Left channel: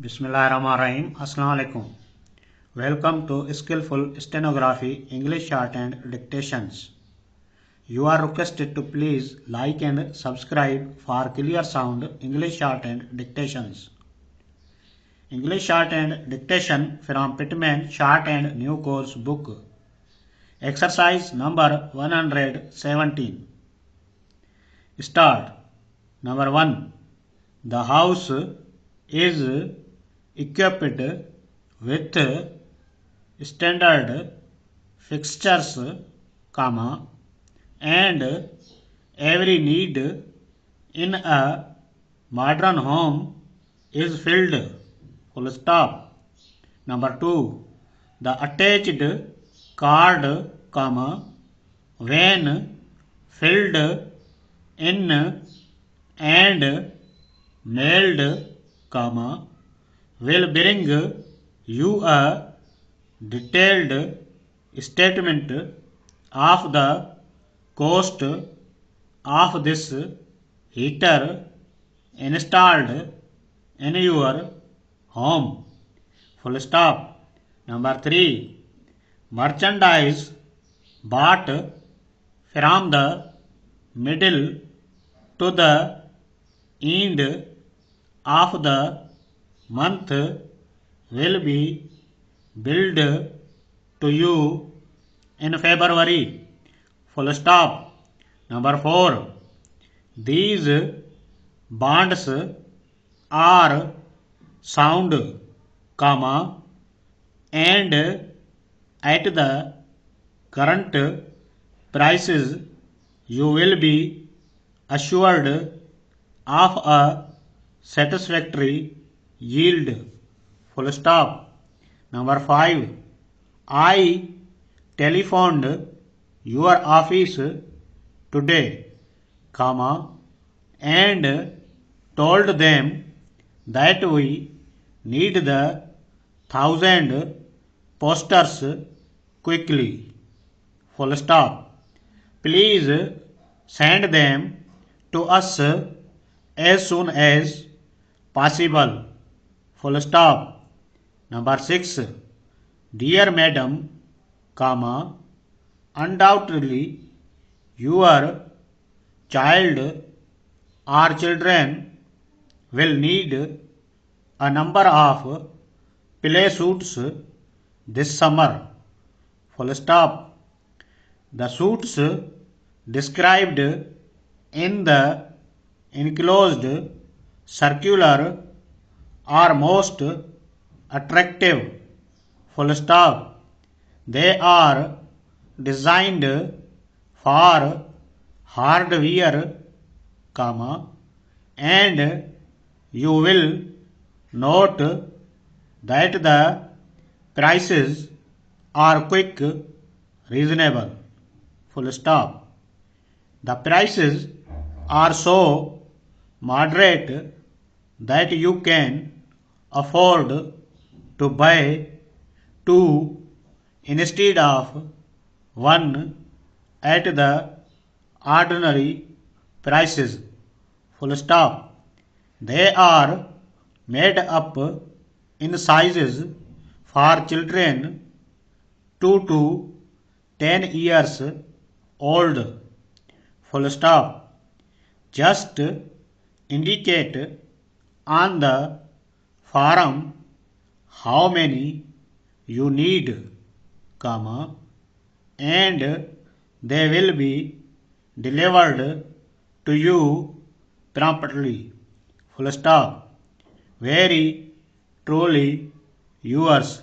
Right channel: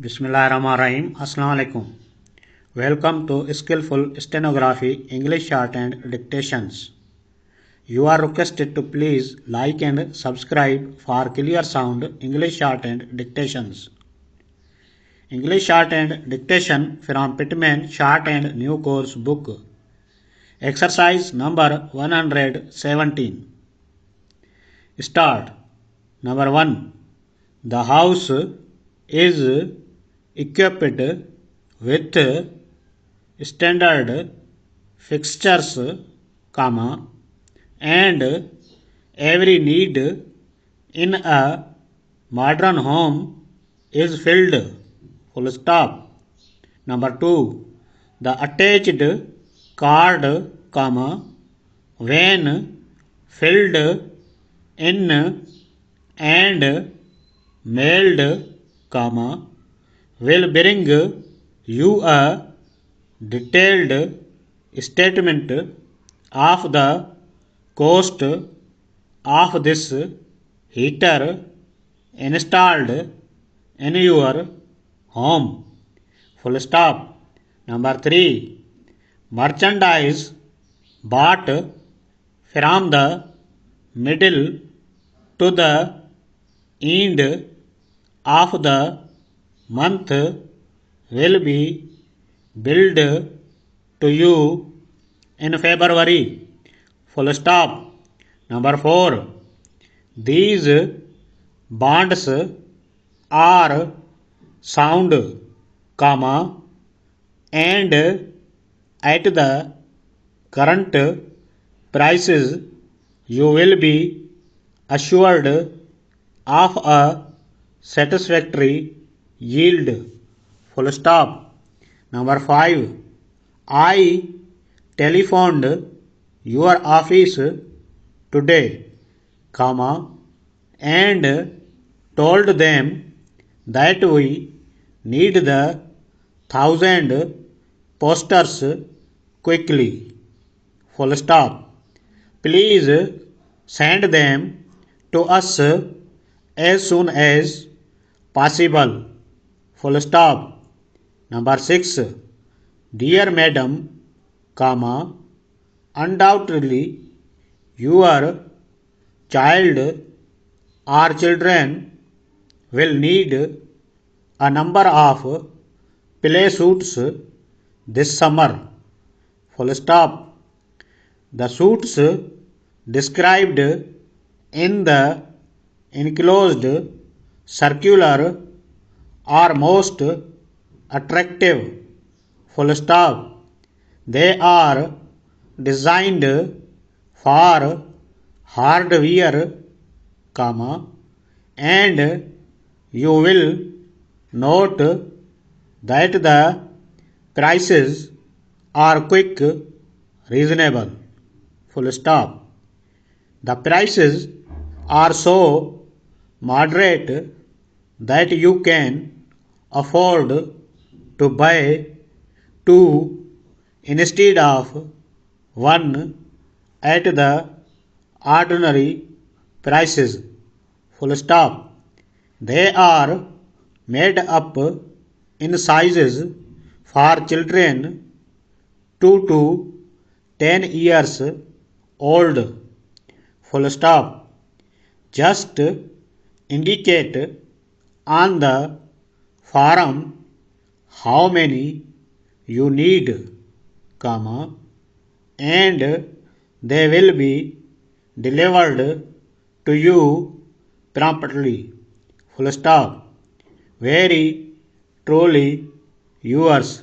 Bismillahirrahmanirrahim. Assalamu alaikum. Welcome to Skillful Stenography English Shorthand Dictations. You are requested to please like and subscribe for clear sound English Shorthand Dictations. English Shorthand Dictation from Pitman Short and New Course Book. Exercise number 117. Start. Number 1. The house is equipped with standard fixtures, and every need in a modern home is filled. Full stop. Number 2. The attached card, when filled in and mailed, will bring you a detailed statement of the cost of this heater installed in your home. Full stop. Number 3. Merchandise bought from the middle to the end of the month will be billed to you in February. Full stop. Number 4. These bonds are sound, and at the current prices you will be assured of a satisfactory yield. Full stop. Number 5. I telephoned your office today, and told them that we need the 1,000 posters quickly. Full stop. Please send them to us as soon as possible. Full stop. Number 6. Dear Madam, undoubtedly your child or children will need a number of play suits this summer. Full stop. The suits described in the enclosed circular are most attractive. Full stop. They are designed for hardware, and you will note that the prices are quick, reasonable. Full stop. The prices are so moderate that you can afford to buy two instead of one at the ordinary prices. Full stop. They are made up in sizes for children 2 to 10 years old. Full stop. Just indicate on the form how many you need, and they will be delivered to you promptly. Full stop. Very truly yours,